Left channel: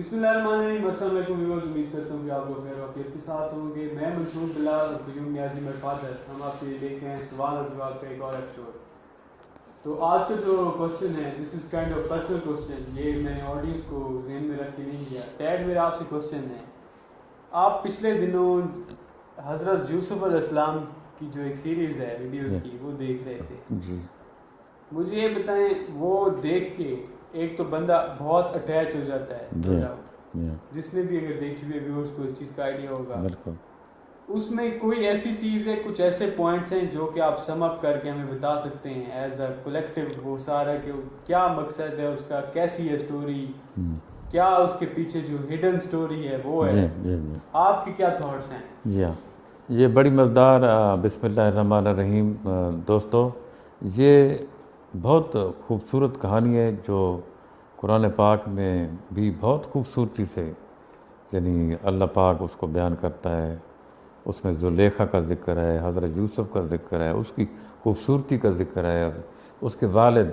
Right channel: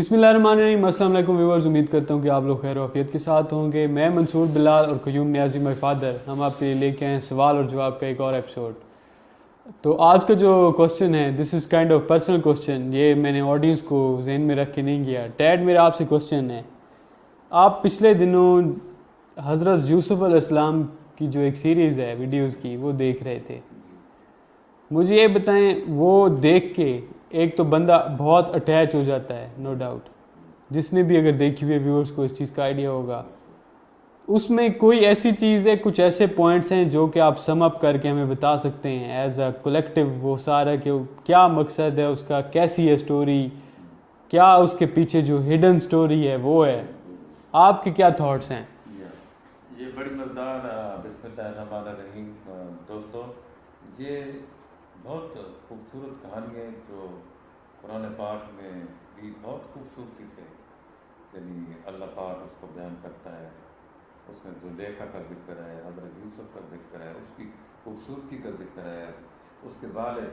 بسم اللہ الرحمن الرحیم۔ السلام علیکم ویورز، امید کرتا ہوں کہ آپ لوگ خیر و عافیت کے ساتھ ہوں گے۔ میں منصور بلال اور قیوم نیازی مائی فادر، ہم آپ کے لیے لے کے آئے ہیں سوال اور جواب کا ایک اور ایپیسوڈ۔ تو آج کا جو کوسچن ہے، this is kind of personal question, یہ میں نے آڈینس کو ذہن میں رکھ کے نہیں کیا۔ ٹیڈ میرا آپ سے کوسچن ہے، آپ پچھلے دنوں حضرت یوسف علیہ السلام کی جو ایک سیریز ہے ویڈیوز کی، وہ دیکھ رہے تھے۔ جی مجھے یہ بتائیں، وہ دیکھ کے ایک تو بندہ بہت اٹیچ ہو جاتا ہے، نو ڈاؤٹ، جس نے بھی اگر دیکھی ہوئی ویورز کو اس چیز کا آئیڈیا ہوگا۔ بالکل۔ اس میں کوئی ایسی چیز ہے، کچھ ایسے پوائنٹس ہیں جو کہ آپ سم اپ کر کے ہمیں بتا سکتے ہیں ایز اے کولیکٹیو، وہ سارا کہ کیا مقصد ہے اس کا، کیسی ہے سٹوری، کیا اس کے پیچھے جو ہڈن سٹوری ہے وہ ہے، جی آپ کے کیا تھاٹس ہیں؟ جی ہاں، یہ بڑی مزدار بسم اللہ الرحمن الرحیم دوستو، یہ بہت خوبصورت کہانی ہے جو قرآن پاک میں بھی بہت خوبصورتی سے یعنی اللہ پاک اس کو بیان کرتا ہے۔ اس میں زلیخا کا ذکر ہے، حضرت یوسف کا ذکر ہے، اس کی خوبصورتی کا ذکر ہے، اس کے والد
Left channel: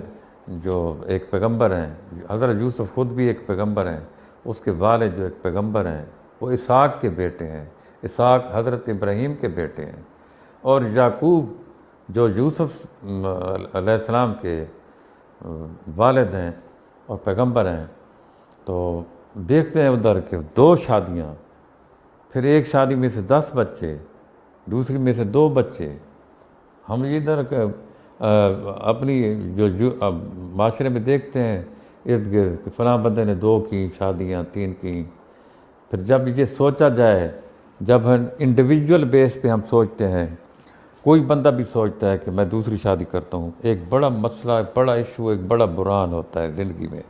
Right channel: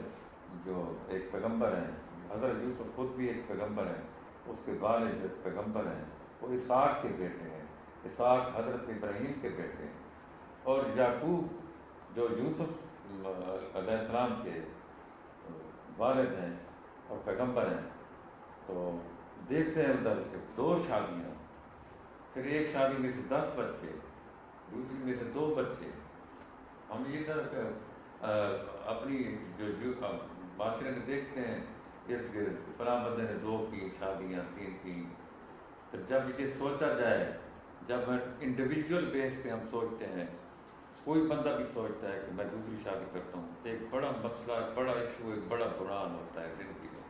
جو ایک پیغمبر ہیں، حضرت یوسف خود بھی ایک پیغمبر ہیں، اس کے والد جو ایک پیغمبر ہیں وہ اسحاق کے بیٹے ہیں، اسحاق حضرت ابراہیم کے بیٹے ہیں، اور یعقوب جو یوسف علیہ السلام کے والد ہیں اور پیغمبر ہیں۔ تو دیکھتے ہیں ادھر کہ 2 شادیاں، پھر ایک شادی میں سے 10 بچے، دوسری میں سے 2 بچے۔ ہم ادھر اپنی جو معاشرے میں دیکھتے ہیں ارد گرد کہ فلاں بندے نے 2 کی شادیاں، 3 کی۔ پھر جب یہ سوچا جائے، جب ہم انڈیویجول بیس پہ ہم سوچتے ہیں، کوئی بندہ بھی سوچتا ہے کہ میں دوسری شادی کرتا ہوں، ایک بڑا مسئلہ، بڑا ایشو، ایک بڑا بحران ہوتا ہے زندگی میں،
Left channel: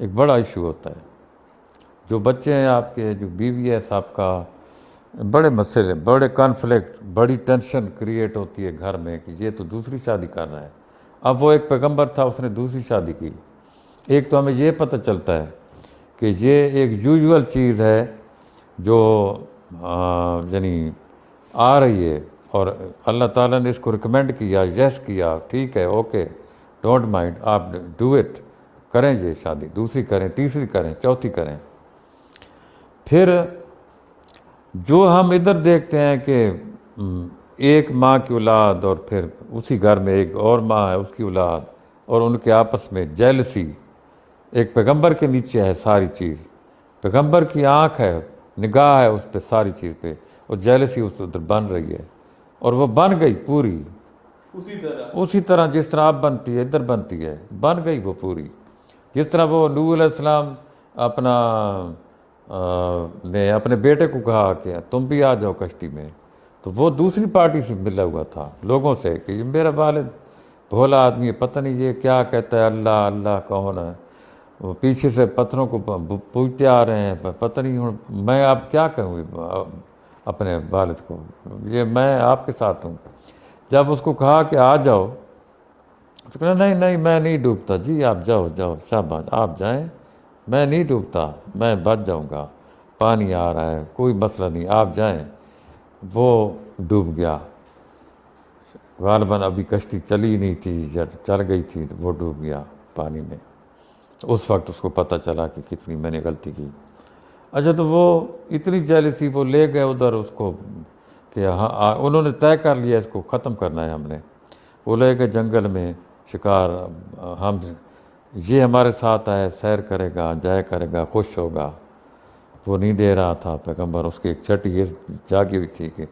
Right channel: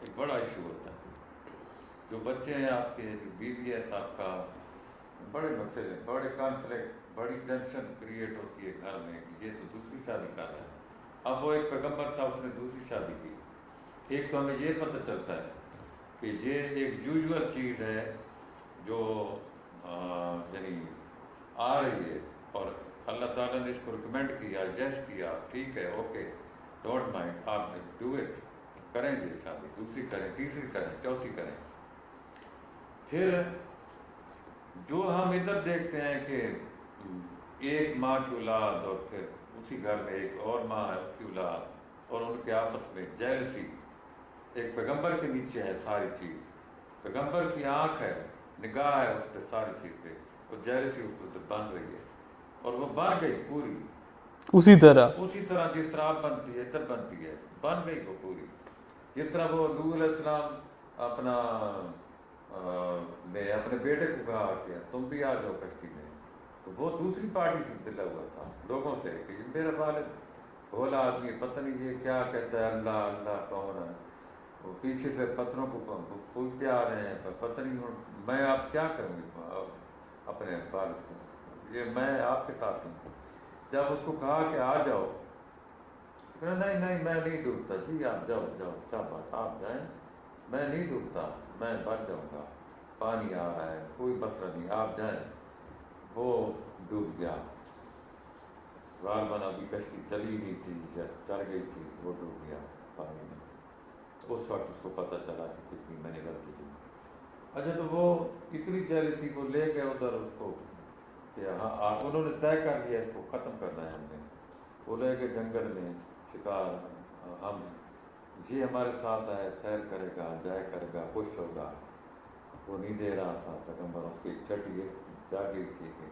ایک بڑا ایشو ہوتا ہے۔ جو بچے ہیں آپ کے، جو بیوی ہے صاحب کا، بڑے مسئلے، بڑے کانفلکٹ، بڑی ٹینشن کریٹ ہوتی ہے گھر میں کہ یہ تو دوسری شادی کر رہا ہے۔ اب وہ ایک پیغمبر تھا، اس نے دوسری شادی کی۔ ایک تو ہمیں یہ پتہ چلتا ہے کہ یہ ایک یوزول چیز ہے جو یعنی آ رہی ہے، اور اللہ تعالیٰ نے اس کو ریکمینڈ کیا، یس کیا، ٹھیک ہے، اوکے، ڈونٹ مائنڈ، آپ ڈو اٹ، کریں یہ شادی، دوسری کریں، تیسری کریں، چوتھی کریں۔ پھر جو ہم ادھر دیکھتے ہیں کہ ایک ماں کی اولاد، اور پھر اسی گھر میں ایک اور ماں ہے، اس کی اولاد، اور ان کے آپس میں جیلسی، ایک پیغمبر کے نیچے ہے ساری چیز، پیغمبر کی آنکھ ہے، نگاہ ہے اس پہ ساری چیز پہ، اور جیلسی اس ادھر بن رہی ہے، اور وہ بن گئی پوری اسی طرح جس طرح اب بنتی ہے، ادھر بنتی ہے، بن گئی وہ پوری۔ جس طرح وہ نوح علیہ السلام نے اپنے بیٹے کو کہا کہ تم بھی آ جاؤ کشتی میں، تو وہ دوسری پارٹی سے ملا ہوا تھا لوگوں سے کہ یہ میرا والد بھولا آدمی ہے، پتہ نہیں یہ کیا کہتا ہے، اللہ اللہ کون ہے، وہ پیچھے سے پتھروں کو پوجتے آ رہے ہیں، پتہ نہیں ہوں میں اب کیا کہوں اپنے والد کو، یہ میں آپ کے ساتھ ہوں۔ جب اس کو کہا کہ آ جاؤ، تو کہا نہیں نہیں میں نہیں ڈوبتا جی، آپ جاؤ جاؤ، شاباش آپ جائیں، میں نہیں ڈوبتا، میں بچ جاؤں گا، پانی آ رہا ہے، کوئی مسئلہ نہیں، آپ جائیں۔ وہ ڈوب گیا، غالباً ابھی کشتی چلی نہیں تھی یا چل گئی تھی، تو وہ ڈوب گیا پانی میں۔ تو اس وقت اس کو پتہ چلا کہ کتنی میں نے غلطی کی۔ اچھا، تو وہ اتنی جیلسی، وہ لے گئے ادھر اس کو کہ ہاں انہوں نے طے کر لیا اس کو ختم کرنا ہے ہم نے۔ وہ لے گئے جنگل میں شکار، ہم یہ ہمارے ساتھ آئے، سیر کرے گا، جائے کرے گا، خوش ہوگا۔ وہ نہیں دے رہا تھا پیغمبر، اس کی ایک چھٹی یہ جاگی ہوئی تھی کہ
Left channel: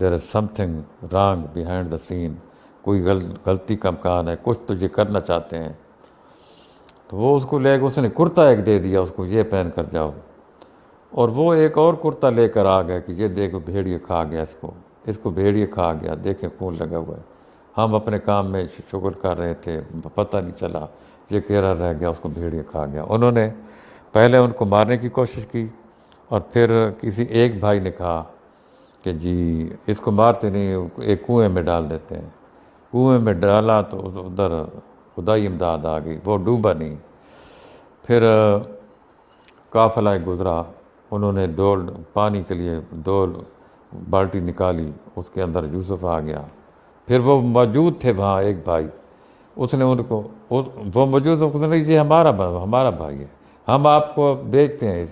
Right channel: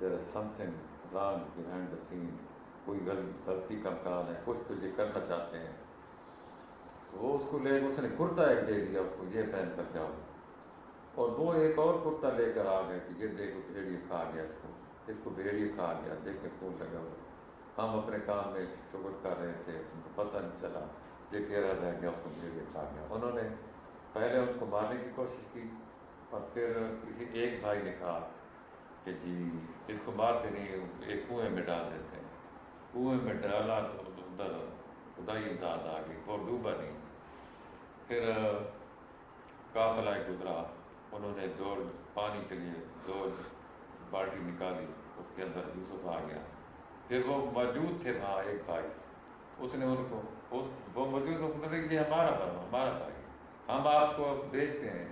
there is something wrong behind the scene, کوئی غلطی کا امکان ہے، کچھ تو یہ کرنا چاہتے ہیں۔ تو وہ اس کو لے کے اس نے کرتا ایک دے دیا اس کو، یہ پہن کر جاؤ، اور وہ ایک اور کرتا لے کر آ گیا کہ یہ دیکھو بھیڑیے کھا گیا اس کو بھیڑیے کھا گیا، دیکھیں خون لگا ہوا ہے، ہم اپنے کام میں شغل کر رہے تھے، پتہ نہیں چلا، یہ کیرا رہ گیا، اس کو بھیڑیے کھا گیا۔ انہوں نے پہلے ان کو مارنے کی کوشش کی، اور پھر کسی ایک بھائی نے کہا کہ جی اس کو مارتے نہیں، ایک کنویں میں ڈال دیتے ہیں۔ کنویں میں ڈالا تو ادھر خدائی امداد آ گئی، وہ ڈوبا نہیں۔ پھر قافلہ گزرا، انہوں نے ڈول پانی کے لیے ڈول بالٹی نکالی، اس کے اندر یوسف آ گیا۔ پھر وہ موجود تھے وہاں ایک بھائی، اس نے ان کو وہ موجود، اس نے یہ ہمارا بھائی ہے، ہم آپ کو بیچتے ہیں،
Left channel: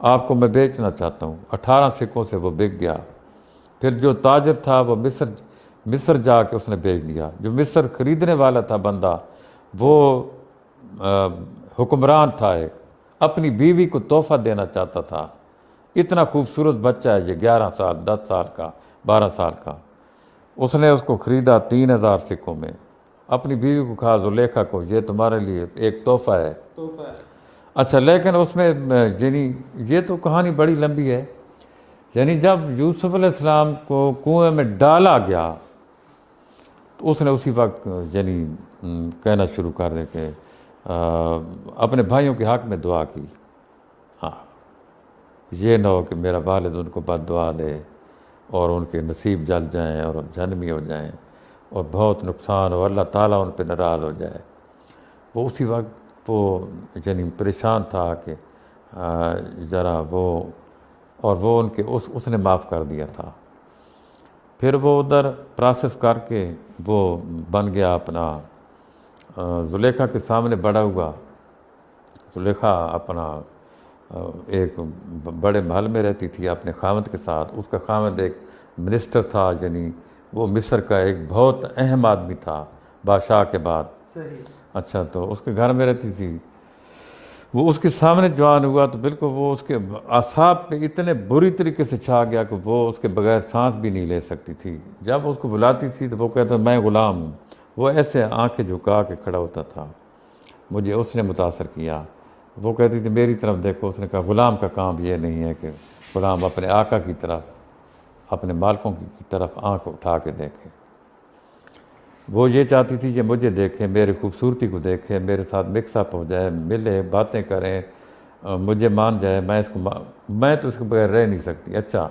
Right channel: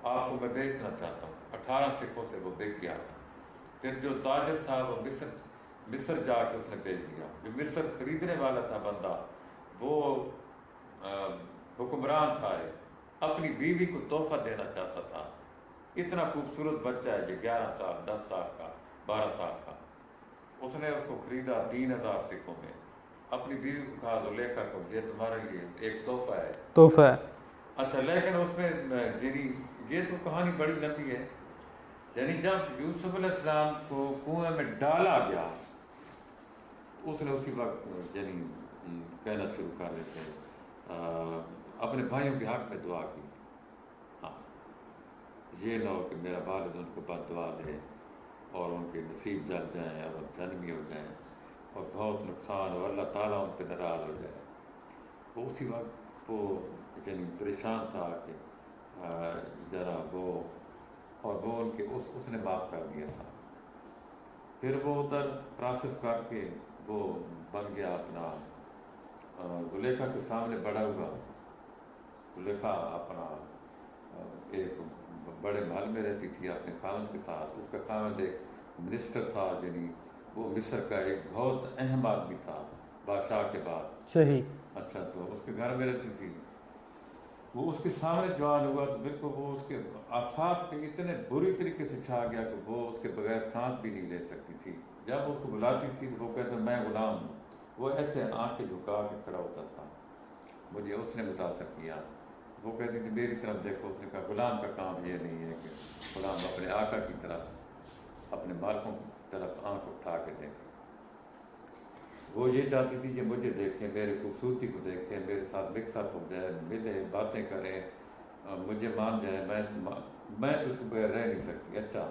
آپ کو میں بیچنا چاہتا ہوں۔ 18 سکوں سے وہ بک گیا۔ پھر جو تاجر تھا وہ مصر جا کے اس نے بیچ دیا۔ جو مصر خریدنے والا تھا بندہ، وہ حکمران تھا ایک، اپنی بیوی کو تحفہ دینا چاہتا تھا۔ اتنا خوبصورت بچہ ہے یہ، 11 سال 10 سال کا 12 سال کا۔ اس نے اس کو خریدا 3000 سکوں میں، اپنی بیوی کو کہا زلیخا کو یہ تمہارے لیے ایک تحفہ ہے۔ تحفہ ہے۔ اچھا، لیکن اس میں یعنی یہ تو کہانی بڑی لمبی ہے۔ یعنی جب یوسف علیہ السلام کو کنویں میں ڈالا گیا تو اس نے اسی وقت یعنی کہنا شروع کر دے کہ اپنے بھائیوں کے حق میں دعا کی، ہاں یہ نہ ہو کہ میرا والد ان کو بد دعا دے اور ان کے نصیب جل جائیں اور جہنمی ہو جائیں اور بہت نقصان ہو، اللہ تعالیٰ ان پہ ناراض ہو جائے۔ وہ اسی وقت وہ یعنی پریشان تھا کہ ذرا وہ ان کے اس نے معاف کر دیا تھا۔ پھر وہ ادھر پروسیس کر کے وہ بن گیا اپنا زلیخا کے سامنے بڑا ہوا۔ زلیخا اپنا ایک بڑے محل میں رہتی تھی اپنے خاوند کے ساتھ۔ اس کا خاوند ایک منسٹر تھا، یعنی وہ مصر کا ایک بہت اہم آدمی تھا بادشاہ کے بعد۔ صحیح۔ اچھا، تو اس کے گھر میں رہتی تھی۔ وہ اس کے سامنے جوان ہوا تو بالکل وہ اس کے اعصاب پہ اتنے بری طریقے سے چھا گیا کہ وہ اس کے بغیر سانس بھی نہیں لے سکتی تھی۔ جب اس کو بلاتی تھی تو وہ کہتا میں غلام ہوں۔ وہ ایسے آنکھیں جھکا کے کھڑا ہوتا تھا۔ مجھے اس نے متاثر کیا۔ وہ کہتی تھی میری طرف دیکھو۔ اس نے کہا غلام کا کام یہ نہیں ہے کہ غلام اپنے آقا کی طرف، اپنے مالکوں کی طرف آنکھ اٹھا کے دیکھے۔ وہ یہ چاہتی تھی کہ مجھے دیکھیں، میری خوبصورتی کو دیکھیں، میرے ساتھ مکس اپ ہو جائے، ملے، باتیں کریں، مجھے مان جائے۔ میں تو اس کے بغیر رہ نہیں سکتی۔ اچھا،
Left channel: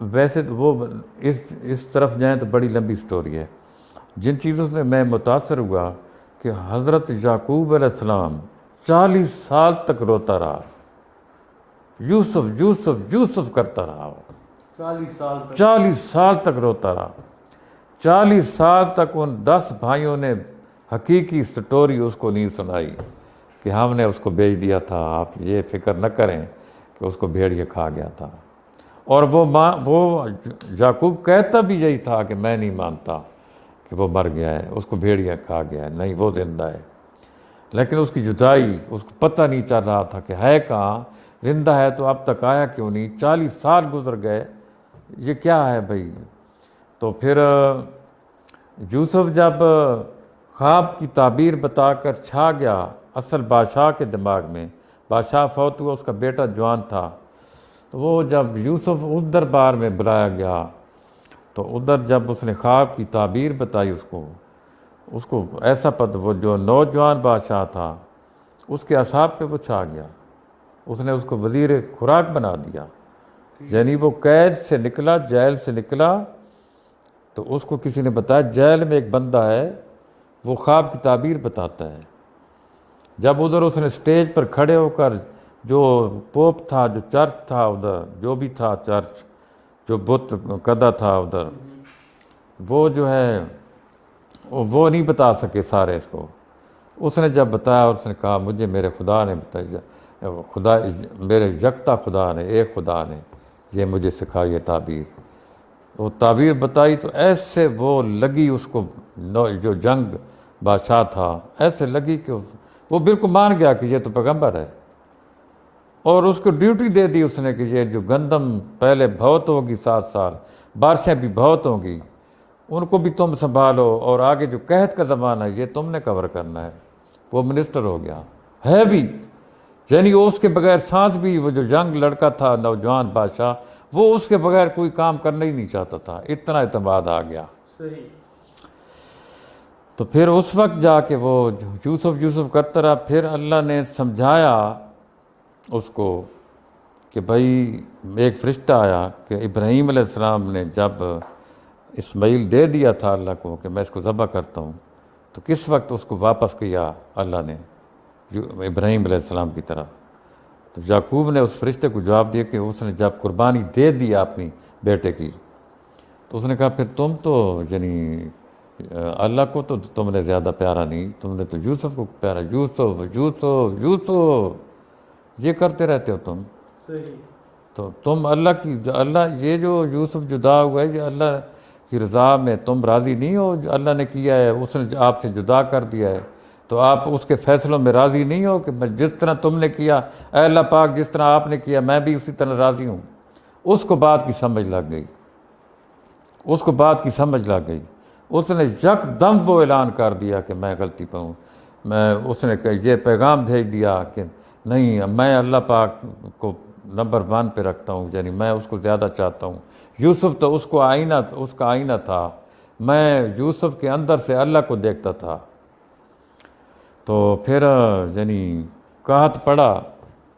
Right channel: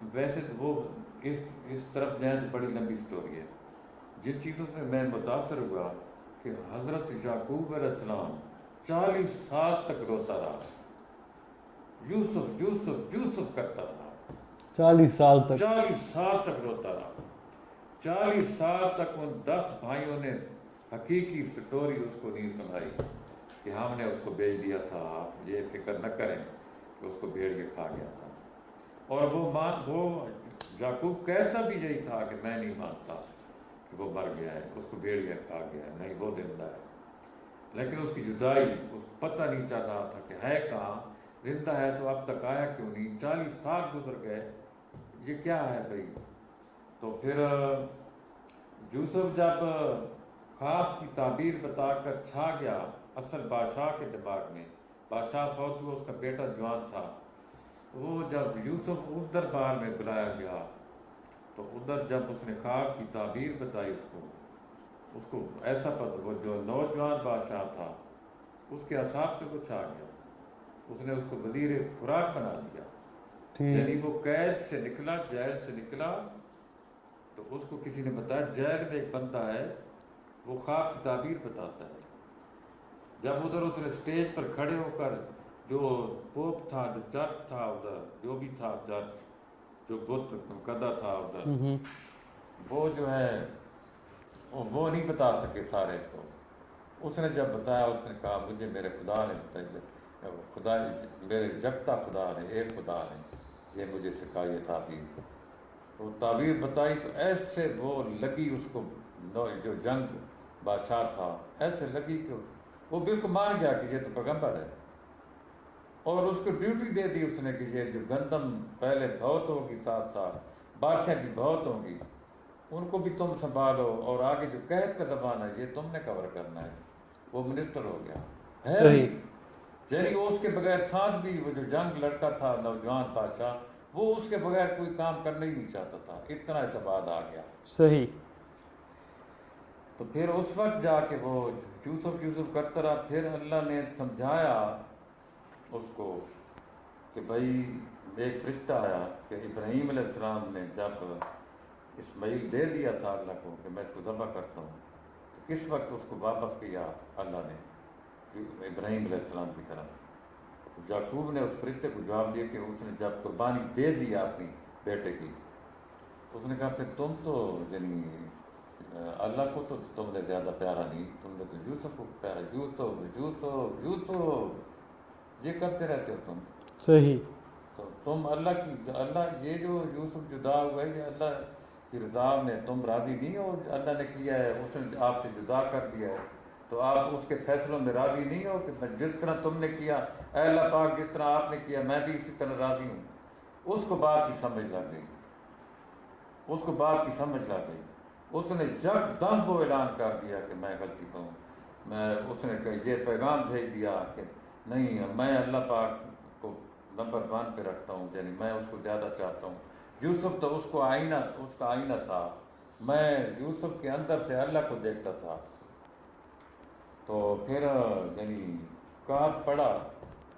ویسے تو وہ اس طرف جائیں تو بڑی لمبی سٹوری ہے۔ جن چیزوں سے میں متاثر ہوا کہ حضرت یعقوب علیہ السلام 40 سال تک روتا رہا، یوسف یوسف یوسف کرتا رہا۔ 40 سال تک؟ 40 سال تک روتا رہا۔ 40 سال تک ان 10 بھائیوں نے حقیقی سٹوری اس کو نہیں سنائی کہ ہم نے اس کو بیچ دیا تھا، آپ یہ فکر نہ کریں کہ اس کو بھیڑیا کھا گیا تھا۔ اور وہ یعقوب کہتا بھی یہی تھا کہ میں نہیں مانتا کہ وہ مر گیا ہے، اس کو بھیڑیا کھا گیا ہے، نہیں وہ زندہ ہے۔ لیکن اس کی جدائی اس کو پتہ نہیں چل رہا تھا کہ ہے کہاں، زندہ ہے تو اب تک آیا کیوں نہیں، 40 سال گزر گئے، یہ کیا ہے بھائی۔ تو پھر یوسف جب خواب کی تعبیر بتا کر چھا گیا اصل بادشاہ کے دماغ میں، بادشاہ فوت ہوا، اس کا بیٹا جوان تھا، تو وہ جب یوسف اس دربار میں بلایا گیا تو ادھر جب اس نے خواب کی تعبیر بتائی اس کو ایسا پتہ، وہ جو نوجوان بادشاہ تھا اس کے اعصاب پہ وہ چھا گیا۔ اس نے اس کو وزیر خوراک بنا دیا۔ یعنی وہ قید سے نکلا، جیل سے نکلا تو اس کو کسی نے بتایا جیل میں ایک بندہ ہے وہ خواب کی تعبیر بتاتا ہے۔ جب ادھر اس نے سٹیج پر کھڑے ہو کر جو پوپ تھا، جو چرچ تھا ادھر، جو بھی تھا چرچ، جو بت قدا تھا ادھر، وہ جو ہے وہ نہیں بتا سکے سارے اس کو۔ اس نے جب بتایا اور اس نے کہا مجھے میرے خدا نے بتایا، میرے یکتا خدا نے، ایک خدا نے یہ مجھے سکھائی یہ تعبیر۔ وہ تعبیر بتائی تو ایسے وہ لگی اس کو، جو جنگ بادشاہ تھا، ایسے لگی کہ وہ بالکل مان گیا کہ یہ تو پیغمبر ہے، اور اس کو ڈیوٹی دے دی اس نے کہ یہ جو گندم پہلے بہت ہوگی 7 سال، بارشیں بھی بہت ہوں گی، ان کو بھی تم سنبھالو، اور آگے جو قحط کا زمانہ ہے یہ تم نے کور کرنا ہے۔ وہ منسٹر ہو گیا ہے بھی، یعنی اس کے بغیر سانس بھی، وہ جو ینگ لڑکا تھا نوجوان بادشاہ، وہ اس کے بغیر کوئی کام کرنا ہی نہیں چاہتا تھا، اتنا اعتماد آ گیا۔ صحیح۔ تو پھر اس وقت جا کے وہ یوسف کرتا رہا۔ پھر اللہ نے سمجھایا اس کو کہ بھائی ایک فرشتہ آیا کہ ابراہیم علیہ السلام نے جب اسماعیل دے دیا تھا اللہ کو کہ میں اس کو ذبح کرتا ہوں، تو کس وقت اس کو واپس کیا اللہ نے ابراہیم علیہ السلام کی طرف؟ تو یعقوب نے اس فرشتے کو جواب دیا کہ اس نے جب قربانی دے دیا اپنی بیٹے کی، تو اس نے کہا پھر تم تو یعنی اللہ کو تو تم نے زیادہ پیارا نہیں، تم نے تو یوسف کو پیارا، یوسف یوسف یوسف۔ یہ کرتے رہتے ہو تم. صحیح. تو تم اللہ یہ جو یوسف جدا ہوا ہے، یہ اللہ کی رضا میں تم راضی نہیں ہو؟ جو اللہ نے کیا ہے اس نے آپ سے جدا کر دیا ہے، تو آپ اس کے فیصلوں میں راضی نہیں ہو کہ جس طرح تم نے کیا، اے اللہ پاک جس طرح آپ نے کیا میں بھی اسی طرح راضی ہوں. اس کو بات کی سمجھ لگ گئی، اس کو بات کی سمجھ لگ گئی. اس نے یک دم وہ اعلان کر دیا کہ میں غلطی پہ ہوں. اس نے یہ پیغام بھیج دیا کہ نہیں، میں اللہ پاک کو نمبر 1 پہ رکھتا ہوں، یعنی میں اس کو زیادہ چاہتا ہوں. یوسف تو اس کا آئینہ تھا، میں یوسف کے اندر سے اللہ کو دیکھتا تھا. تو پھر یعنی قحط پڑا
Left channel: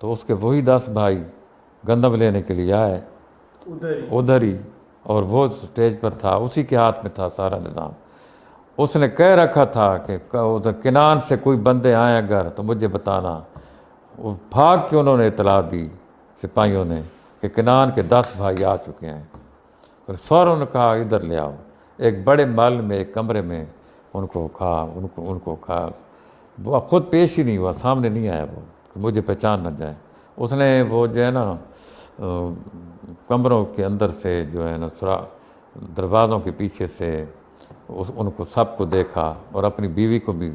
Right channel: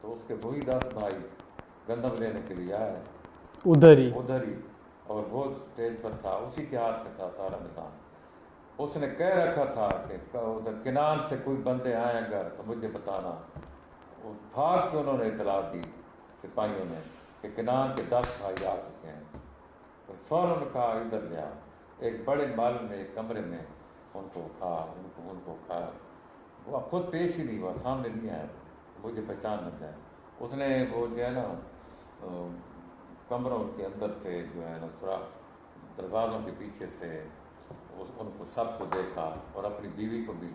تو اس کے وہی 10 بھائی گندم لینے کے لیے آئے ادھر ہی، اور وہ اسٹیج پر تھا، اسی کے ہاتھ میں تھا سارا نظام. اس نے کہہ رکھا تھا کہ کنعان سے کوئی بندے آئیں اگر تو مجھے بتانا. وہ بھاگ کے انہوں نے اطلاع دی سپاہیوں نے کہ کنعان کے 10 بھائی آ چکے ہیں. پھر فوراً نے کہا ادھر لے آؤ. ایک بڑے محل میں ایک کمرے میں ان کو کھا. وہ خود پیش ہی نہیں ہوا، سامنے نہیں آیا وہ کہ مجھے پہچان نہ جائے. اس نے وہ جو ہے نا کمروں کے اندر سے جو ہے نا دروازوں کے پیچھے سے ان کو سب کو دیکھا، اور اپنی بیوی کو بھی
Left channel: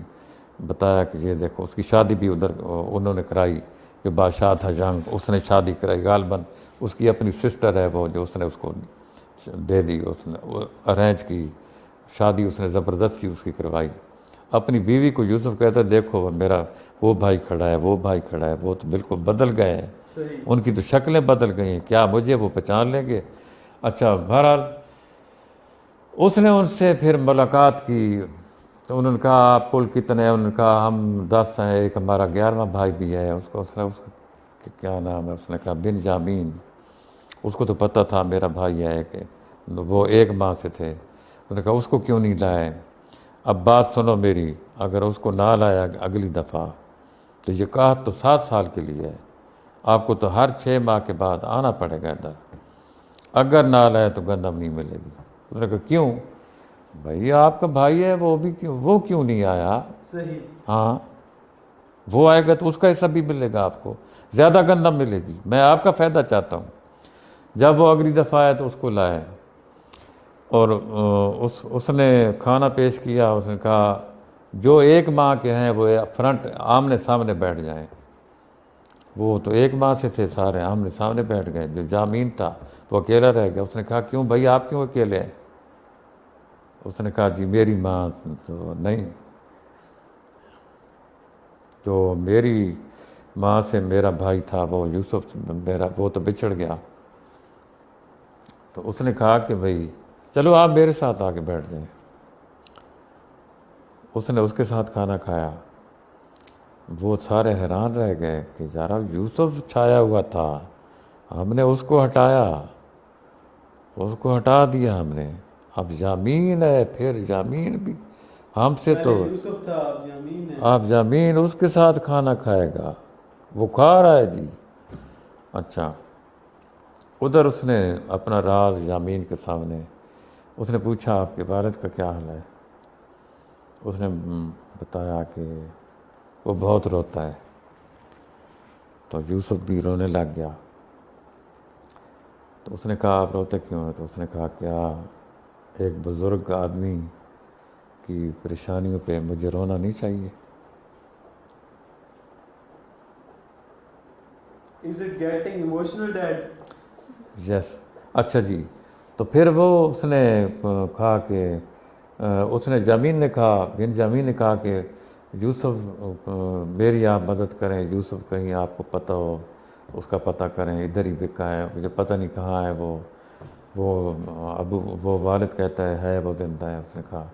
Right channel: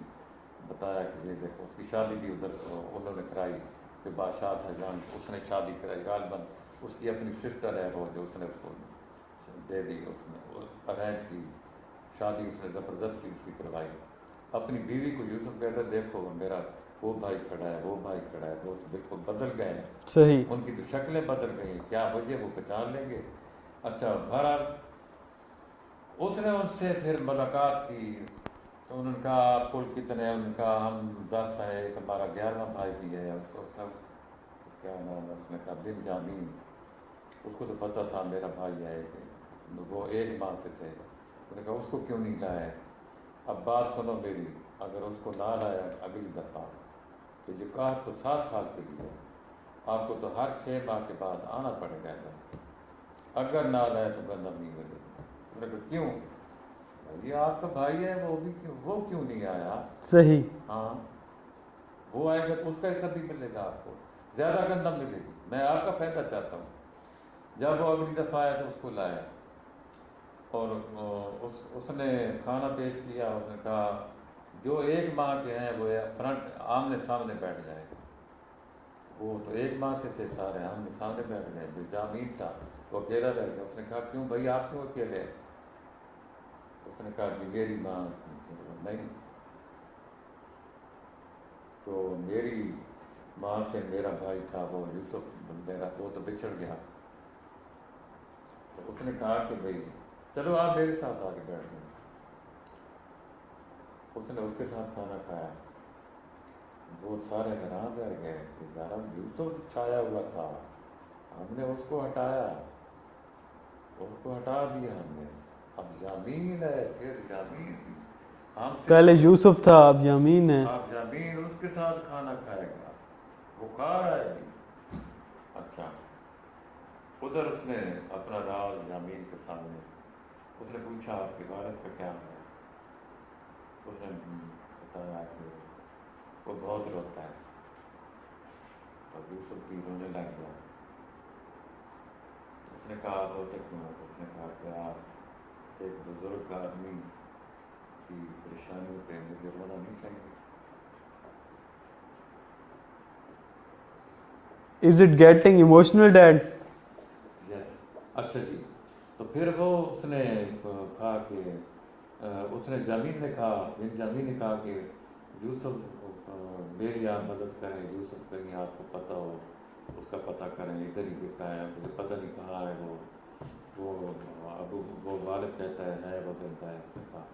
بتایا کہ یہ دیکھو. اس کی شادی بھی ادھر انہوں نے کرائی، جو بادشاہ تھا جنگ، اس نے شادی کرائی. غالباً اس کی اپنی سسٹر ہے وہ، جو اس نے اس کو دے دی، اس نے ارینج کی شادی، اس نے زبردستی اس کی کروائی. اپنی بیوی کو یوسف کہتا دیکھو میرا وہ بھائی کھڑا ہے، وہ بھائی کھڑا ہے، وہ تو بالکل بدل گئے ہیں، صحیح. ان کی تو شکلیں بدل گئی ہیں، کیا مجھے وہ پہچان لیں گے؟ اچھا بہرحال اس نے ان سے پھر ملاقات کی. تو انہوں نے کہا آپ کل کتنے ہیں؟ انہوں نے کہا ہم 10 ہیں، ایک ہمارا 11واں بھائی بھی ہے. اس کا کیا نام ہے؟ اس نے کہا بنجامین. اس کو تو پتہ تھا میرا بھائی ہے کہ وہ ایک ماں سے تھے. انہوں نے کہا اس کو کیوں نہیں لائے؟ اب بات سنو میری، اگر اس کو نہ لایا اگلی دفعہ تو یہ قحط تو 7 سال کے لیے ہے، آپ کو تو ہر 6 ماہ کے بعد آنا پڑے گا ادھر. اگر نہ لائے تو گندم نہیں ملے گی. انہوں نے کہا کیوں؟ بھائی آپ کا بھائی ہے، وہ کیوں نہیں آیا؟ صحیح. ہاں وہ آئے گا تو اس کا حصہ بھی ملے گا، آپ کو زیادہ گندم ملے گی، میں آپ کا فائدہ چاہتا ہوں. جب وہ اگلی دفعہ آئے تو اس کو لائے، اور اس نے کھانا پیش کیا. اس نے کہا جو 1 ماہ کے ہیں وہ فرنٹ آمنے سامنے بیٹھ جائیں. وہ تو 1 ماہ سے تھے، سارے آمنے سامنے بیٹھ گئے. جو جامین تھا وہ اکیلا رہ گیا. اس نے کہا کیوں بھائی آپ کیوں اکیلے ہیں؟ اس نے کہا جی میری ماں تو نہیں، جو میری ماں سے میرا بھائی تھا وہ یوسف میرا، وہ تو بچھڑ گیا. تو اس نے کہا کہ بھائی چلو آپ میرے ساتھ آ کے بیٹھ جائیں. اس نے اس کے ساتھ کھانا کھایا. وہ سارے حیران رہ گئے کہ یارا یوسف چھایا ہوا تھا، ہم نے اس کو ہٹایا، اس کو ہٹا دیا ہم نے. اب یامین ہے، پھر یامین بھی ہم سے پہلے تو، یوسف تھا اب یامین ہے. اب یامین اس کے ساتھ کھانا کھائے گا، وہ کھا رہا ہے جی. اچھا ادھر اس نے اپنا راز یامین کے سامنے، اس نے پوچھا آپ کے والد کا کیا حال ہے؟ اس نے بتایا کہ وہ بہت روتا ہے. تو یوسف بھی رونے لگ گیا. تو اس نے کہا آپ روتے کیوں ہیں؟ تو اس نے کہا کیا ایک بزرگ آدمی کی پریشانیوں پہ مجھے رونا نہیں چاہیے؟ Is it getting emotional, Dad? یس. اچھا جی. تو پھر وہ اس نے کہا کہ اس نے جامین نے کہا، بن جامین نے کہا کہ یوسف میری آپ مدد کریں، یوسف کہیں آپ کو پتہ ہو اس کا پتہ کریں، ادھر ہی بکا ہے، مجھے پتہ نہیں کہاں ہے وہ وہ والد کہتا ہے وہ زندہ ہے. اس نے کہا.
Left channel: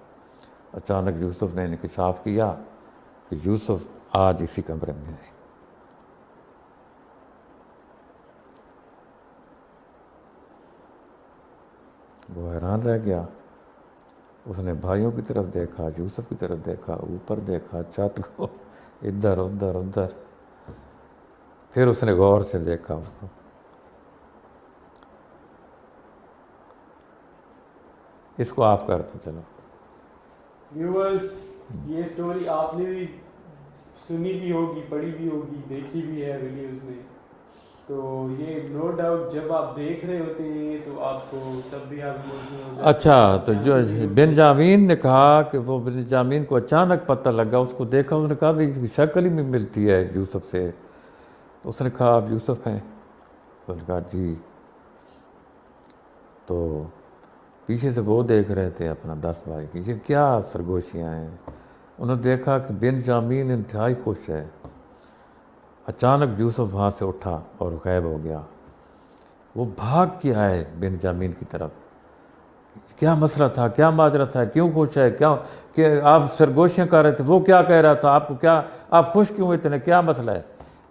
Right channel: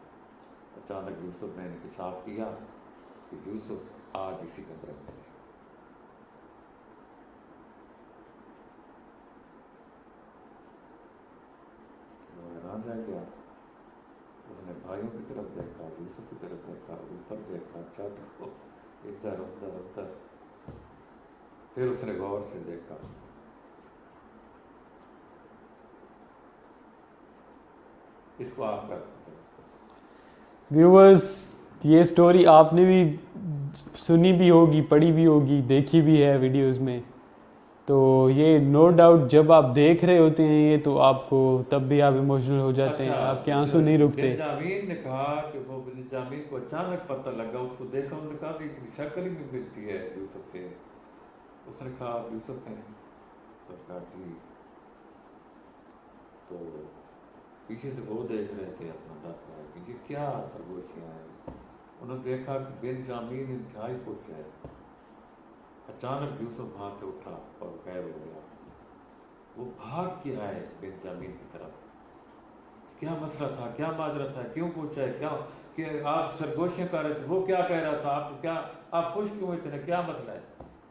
اچانک یوسف نے انکشاف کیا کہ یوسف آج اسی کمرے میں ہے. وہ حیران رہ گیا. اس نے بھائیوں کی طرف دیکھا، یوسف کی طرف دیکھا، اوپر دیکھا، چھت کو، ادھر ادھر ادھر. پھر اس نے غور سے دیکھا اس کو. اس کو آف کر دو چلو. ویورز یہ سٹوری آپ نے بھی سنی بھی ہوگی, پڑھی بھی ہوگی, دیکھی بھی ہے ویڈیوز میں, تو یہ نو ڈاؤٹ جب آپ دیکھ رہے ہوتے ہیں یہ تو آپ کو تب بھی آپ ایموشنل ہو جاتے ہیں. اچھا, آپ تو کے جو آنسو نہیں رکتے. بنجامین نے کہا کہ وہ بنجامین کو اچانک پتہ لگا, اس کو دیکھا, اس نے کہا کہ اس کی شکل ہی نہیں ملتی ہے یوسف سے. تو اس نے کہا آپ یوسف ہیں؟ تو نے کہا جی. تو پیچھے سے وہ دیکھ رہے تھے اپنا 10 بھائی کی, یہ کیا سرگوشیاں ہیں. انہوں نے دیکھا کہ بنجامین انتہائی خوش ہے. اچانک یوسف وہاں سے اٹھا اور غائب ہو گیا. وہ بھاگ کے آئے بنجامین کی طرف. کیا مسئلہ تھا, کیا ماجرا تھا, کیوں خوش ہے, کیا کہ آپ سرگوشیاں کر رہے تھے, وہ کیا کہہ رہا تھا آپ کو, کیا آپ خوش کیوں اتنے, کیا مسئلہ ہے.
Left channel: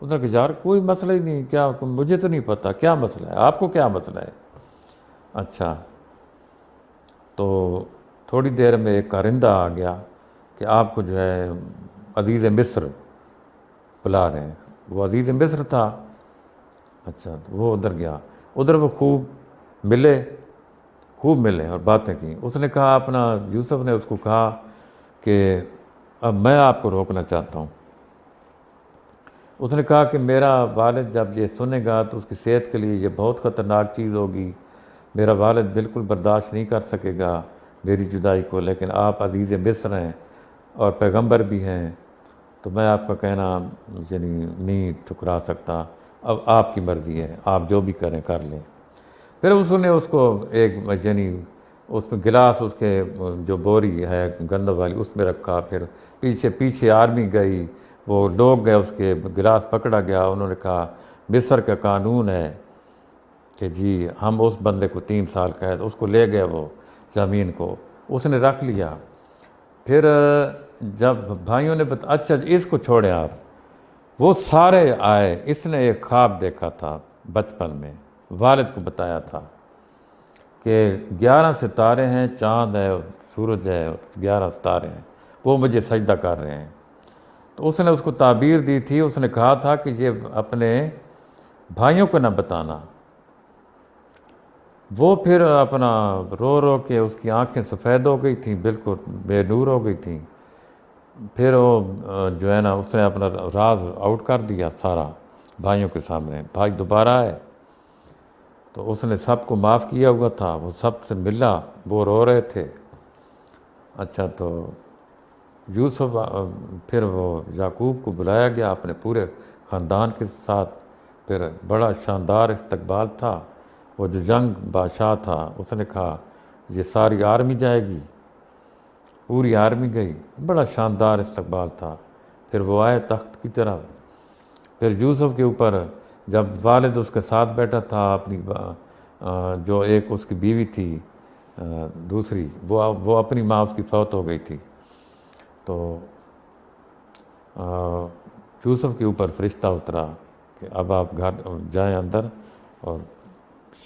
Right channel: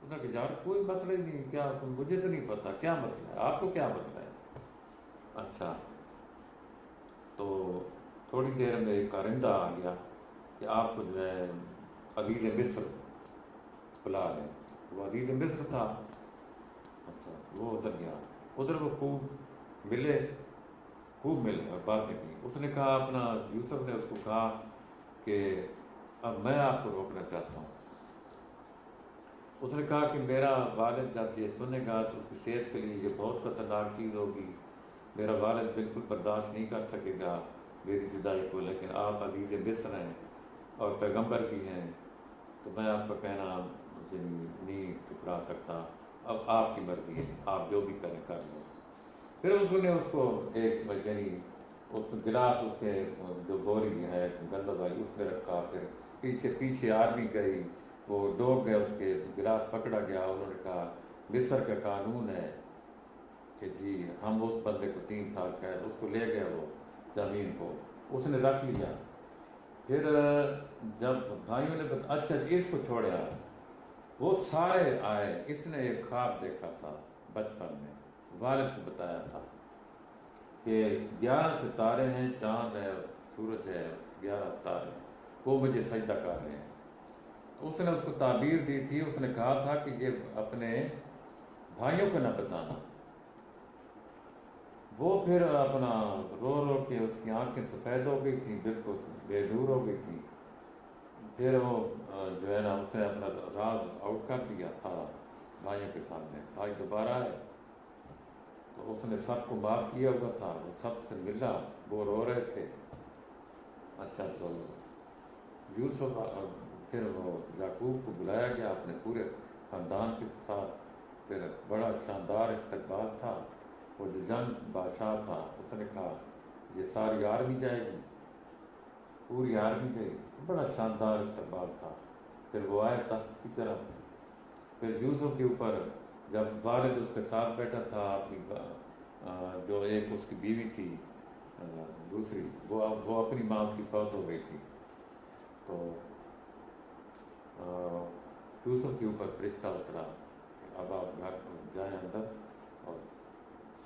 اس نے کہا یار کوئی مسئلہ ہی نہیں, کیا مجھے تو نہیں پتہ کیا مسئلہ ہے, آپ کو کیا مسئلہ ہے. اچھا, تو تھوڑی دیر میں ایک کارندہ آ گیا کہ آپ کو جو ہے عزیز مصر بلا رہے ہیں. وہ عزیز مصر تھا. اچھا, تو وہ ادھر گیا. ادھر وہ خوب ملے اور باتیں کیں. اس نے کہا اپنا یوسف نے اس کو کہا کہ اب میں آپ کو روکنا چاہتا ہوں. اس نے کہا کہ میرا والد جب یہ سنے گا تو اس کی صحت کے لیے یہ بہت خطرناک چیز ہوگی. میرا والد بالکل برداشت نہیں کر سکے گا میری جدائی کو, لیکن آپ عزیز مصر ہیں اور پیغمبر بھی ہیں, تو میں آپ کا کہنا یعنی نہیں ٹھکرا سکتا. اب آپ کی مرضی ہے, آپ جو بھی کریں کر لیں. پھر اس نے اس کو ایک یعنی اس میں گلاس, اس کے جو بوری ہے گندم والی, اس میں رکھا. پھر پیچھے آرمی گئی, وہ لوگ گئے, اس کے گلاس پکڑا گیا. انہوں نے کہا مصر کا قانون ہے کہ جی ہم اس بندے کو 3 سال قید. اس کو لے گئے وہ زمین کو, اس نے رکھ لیا. پھر جب بھائیوں نے اچھا اس کو چھوڑیں آپ, وہ سارے آئے. اس نے ایک خواب دیکھا تھا بچپن میں, والد کو بتایا تھا کہ 11 ستارے ہیں, چاند ہے, سورج ہے, 11 ستارے ہیں, وہ مجھے سجدہ کر رہے ہیں. تو اس نے اس کو تعبیر دی تھی. اس نے کہا تھا کہ یہ اپنے بھائیوں کو نہ بتانا. وہ پھر اپنا رو کے, اس کی آنکھیں سفید ہو گئی تھیں, بالکل بے نور ہو گئی تھیں. پھر وہ جو ہے نا اس نے اپنا راز آؤٹ کر دیا سارا بھائیوں کے سامنے. بھائی دوبارہ آئے تو اس نے سب کو معاف کیا ہوا تھا, وہ سب سے ملا, وہ رو رہے تھے. اچھا, تو یوسف پھر وہ یعقوب کو بلایا گیا اپنے پورے خاندان کے ساتھ. پھر بڑا شاندار استقبال تھا. وہ جو جنگ بادشاہ تھا اس نے کہا یہ ساری آرمی جائے گی, پوری آرمی گئی. بڑا شاندار استقبال تھا. پھر وہ آئے تخت کی طرف. پھر یوسف کے اوپر جب والد اس کے ساتھ بیٹھا تھا, اپنی جو ایک اس کی بیوی تھی دوسری, وہ اپنی ماں اس کی فوت ہو گئی تھی. تو یوسف کے اوپر فرشتہ اترا کہ اب آپ گھر جائیں اندر اور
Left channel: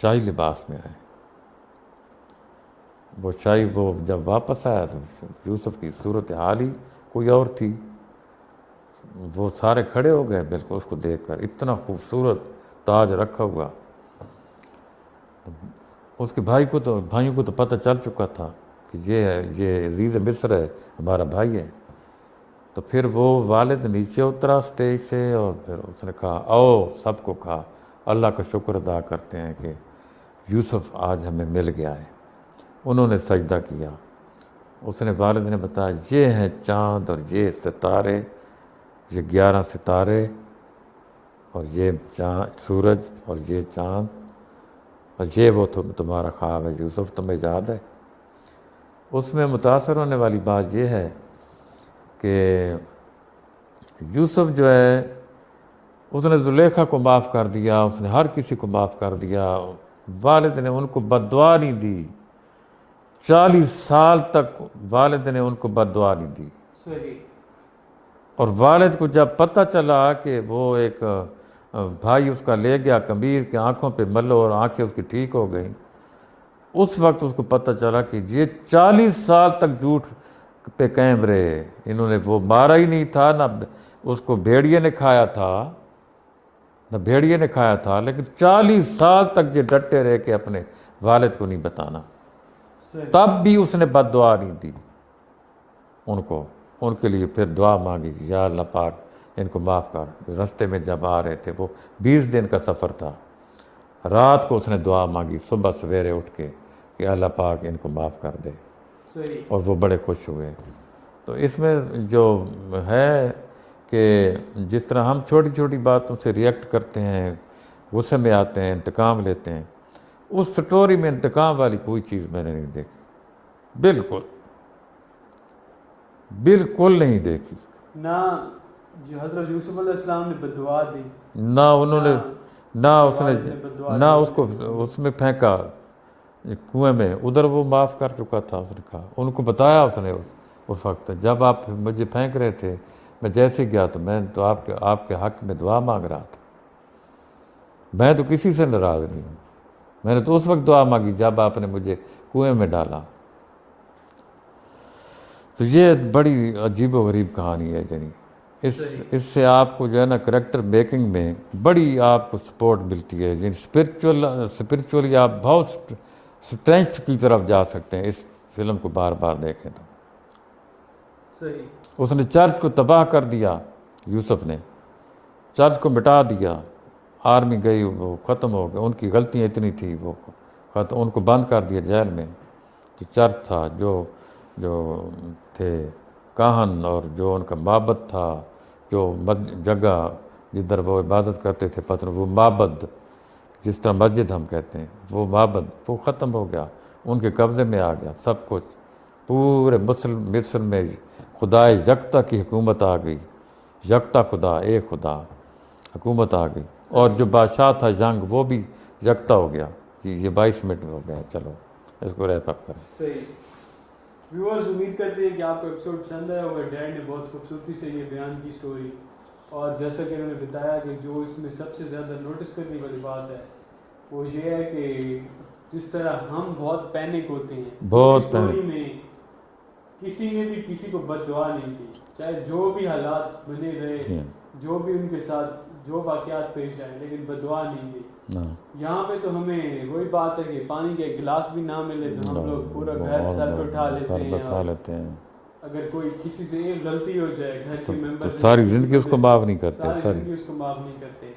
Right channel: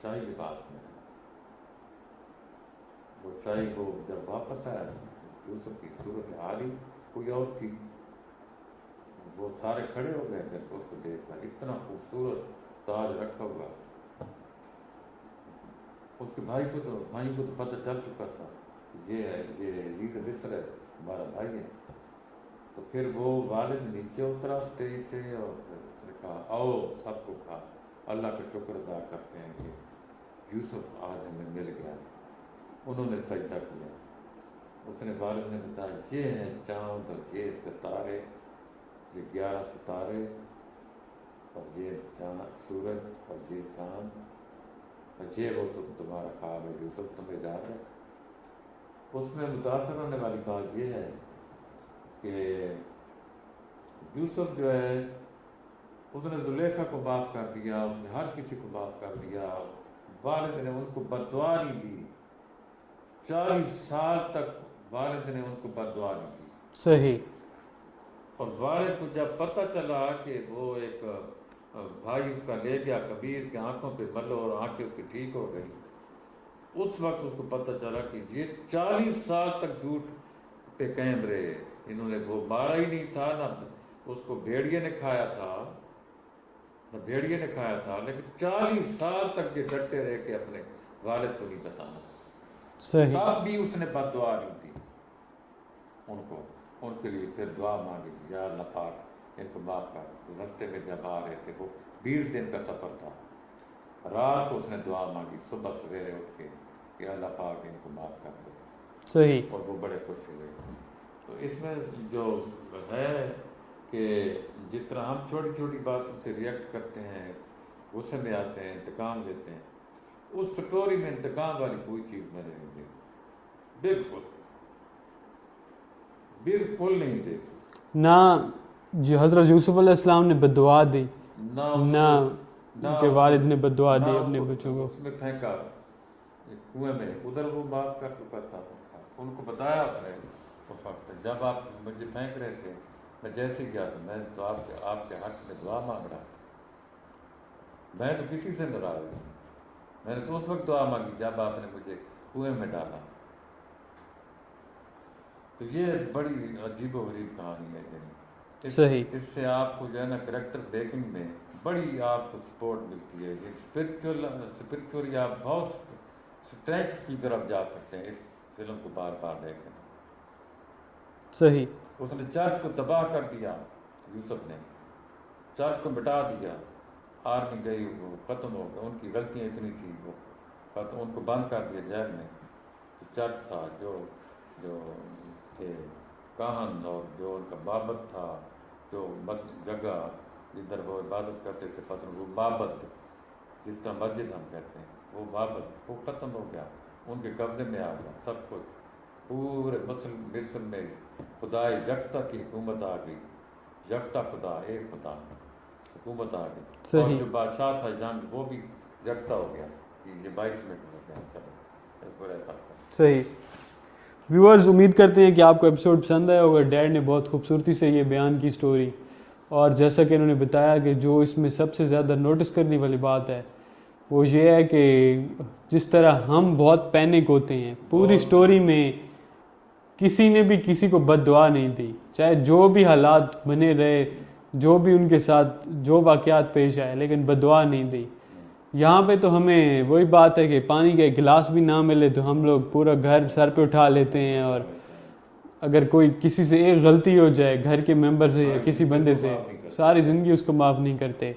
شاہی لباس میں آئیں. وہ جب واپس آیا تو یوسف کی صورت حال ہی کوئی اور تھی. وہ سارے کھڑے ہو گئے بالکل اس کو دیکھ کر, اتنا خوبصورت تاج رکھا ہوا. اس کے بھائیوں کو تو پتہ چل چکا تھا کہ یہ عزیز مصر ہے, ہمارا بھائی ہے. تو پھر وہ والد نیچے اترا اسٹیج سے, اور پھر اس نے کہا آؤ سب کو کہا اللہ کا شکر ادا کرتے ہیں کہ یوسف آج ہمیں مل گیا ہے. انہوں نے سجدہ کیا. اس نے والد نے بتایا یہ ہیں چاند اور یہ ستارے, یہ 11 ستارے, اور یہ سورج اور یہ چاند, اور یہ وہ تمہارا خواب ہے یوسف, تمہیں یاد ہے. اس میں متاثر ہونے والی بات یہ ہے کہ یوسف جو ہے اس نے زلیخا کو معاف کر دیا, اس نے ہر کسی کو معاف کر دیا. والد نے ان کو بد دعا نہیں دی. 40 سال تک والد نے ان کو بد دعا نہیں دی. صحیح. اور والد کو جب پتہ چلا کہ وہ ایک بھائی اس کا لے گیا کمیر کے آنکھوں پہ ملو اور آنکھیں اس کی ٹھیک ہو گئیں, اس وقت اس کو پتہ چلا کہ یہ 40 سال تک جھوٹ پہ قائم رہے. انہوں نے وہ مارا ہی نہیں تھا, نہ اس کو بھیڑیے نے کھایا تھا, لیکن 40 سال تک یہ ڈٹے رہے کہ اپنے والد کو نہیں بتانا. صحیح. تب بھی اس نے بد دعا نہیں دی. ان کے لیے پھر دعا مانگی، یا اللہ پاک ان کو معاف کر۔ رستے میں جب آ رہے تھے، وہ 20 دن کا سفر تھا، رات کو اس نے دعا مانگی، صبح سویرے اٹھ کے کہ اللہ پاک ان کو معاف کر دے، صحیح، اور وہ بڑے خوش ہوئے۔ تو اس میں جو ہے کہ جس طرح ہم چھوٹی چھوٹی باتوں سے ریئیکٹ کرتے ہیں، غصے میں آتے ہیں، انتقام لیتے ہیں، اس سٹوری میں انتقام والی کوئی چیز میں نے نہیں دیکھی، بالکل نہیں دیکھی۔ نہ جو حضرت یوسف علیہ السلام نے بددعا دی، نہ انہوں نے، نہ ان کے والد نے بددعا نہ دی اس کو اس میں پھینکا کنویں میں، ادھر وہ معاف کر چکا تھا، اس نے کہا، ان کو بتایا اس نے اس وقت، جب آپ مجھے پھینک رہے تھے میں جیسے گیا تو میں تو آپ کے حق میں دعا مانگ رہا تھا، میں تو کسی سے ناراض نہیں ہوں، میں نے تو اس وقت دعا مانگی جب آپ نے مجھے کنویں میں ڈالا۔ تو یہ بڑی عجیب و غریب کہانی ہے، یعنی اس سے آپ کو جو ہے نا کریکٹر میکنگ میں بڑی آپ کو سپورٹ ملتی ہے، یعنی اسپرچولی آپ بہت اسٹرینتھ کی طرف جا سکتے ہیں اس فلم کو بار بار دیکھیں تو۔ صحیح، اس نے چرچ کو تباہ کر دیا، یوسف نے چرچ کو مٹا دیا، آرمی گئی وہ ختم ہو گیا، ان کی غلطیاں اتنی تھی وہ ختم، ان کو بند کر دیا جیل میں، جو چرچ تھا، جو تھے کاہن، اور جو ان کا معبد تھا، جو جگہ جدھر وہ عبادت کرتے تھے پتھر، وہ معبد جس طرح مسجد ہم کہتے ہیں، وہ معبد وہ ختم ہو گیا، ان کے قبضے میں آ گیا سب کچھ، پورے مصر میں خدا یکتا کی حکومت آ گئی، یکتا خدا، ایک خدا حکومت آ گئی، اور جو بادشاہ تھا جنگ وہ بھی یکتا ہو گیا۔ یہ 22 منٹ میں ہو گیا، چلو اس کو ریپ اپ کریں۔ صحیح۔ ویورز امید کرتے ہیں کہ آپ کو ایپیسوڈ پسند آیا ہوگا، ڈیڈ نے بہت خوبصورتی سے یہ بیان کی اسٹوری، اور جیسا کہ انہوں نے بتایا کہ جو اس میں سب سے زیادہ نوٹس کرنے والی بات ہے وہ یہ ہے کہ جس طرح ہم بہت پینک ہوتے ہیں، پوری اسٹوری میں کسی نے بھی کسی کو بد دعا نہیں دی، چاہے جو بھی حالات بنے رہے، جو بھی ان کے ساتھ جو واقعات پیش آئے، لیکن بد دعا نہیں دی۔ یہاں پہ تو ہمیں وہی بات ہے کہ پانی کا ایک گلاس بھی نہ ملے تو ہم لوگ پورا گھر سر پہ اٹھا لیتے ہیں، اور اگر کوئی کسی سے ایک غلطی ہو جائے گھر کے ممبر سے، کسی بندے سے، ساری زندگی اس کو معاف نہیں کرتے۔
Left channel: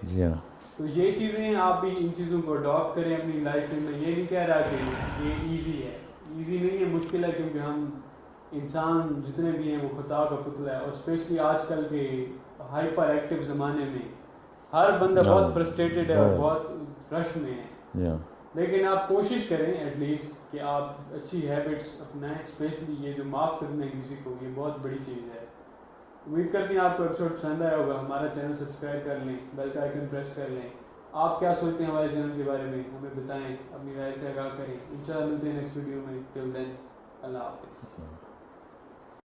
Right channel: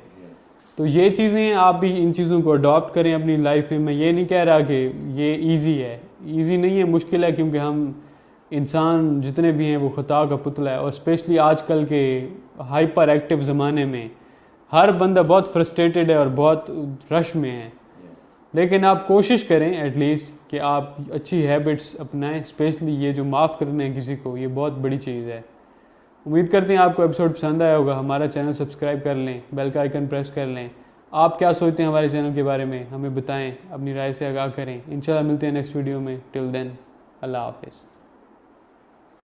تو یہ چیزیں آپ بھی ان چیزوں کو اڈاپٹ کریں اپنی لائف میں۔ میں یہ نہیں کہہ رہا کہ یہ ایزی ہے، ایزی نہیں ہے، مشکل ہے، کیونکہ ہم انسان جتنے بھی ہیں وہ خطا کا پتلا ہے، اور اسپیشلی آج کل کے ہائپر ایکٹیو زمانے میں ہر بندہ بہت فرسٹریٹڈ ہے اور بہت رش میں ہے۔ لیکن آپ کوشش کریں ایٹ لیسٹ کہ آپ اچھی ہیبٹس اپنائیں، اسپیشلی یہ جو معاف کرنا ہے کسی کو، یہ بہت بڑی چیز ہے۔ امید کرتے ہیں آپ کو ایپیسوڈ پسند آیا ہوگا، ہمارا چینل سبسکرائب کر لیں، بیل کا آئیکن پریس کر لیں۔ آپ کیا سوچتے ہیں ہمارے چینل کے بارے میں ہمیں بتائیں، اپنی رائے سے آگاہ کریں۔ انشاءاللہ ملتے ہیں نیکسٹ ویڈیو میں، ٹل دین اللہ حافظ۔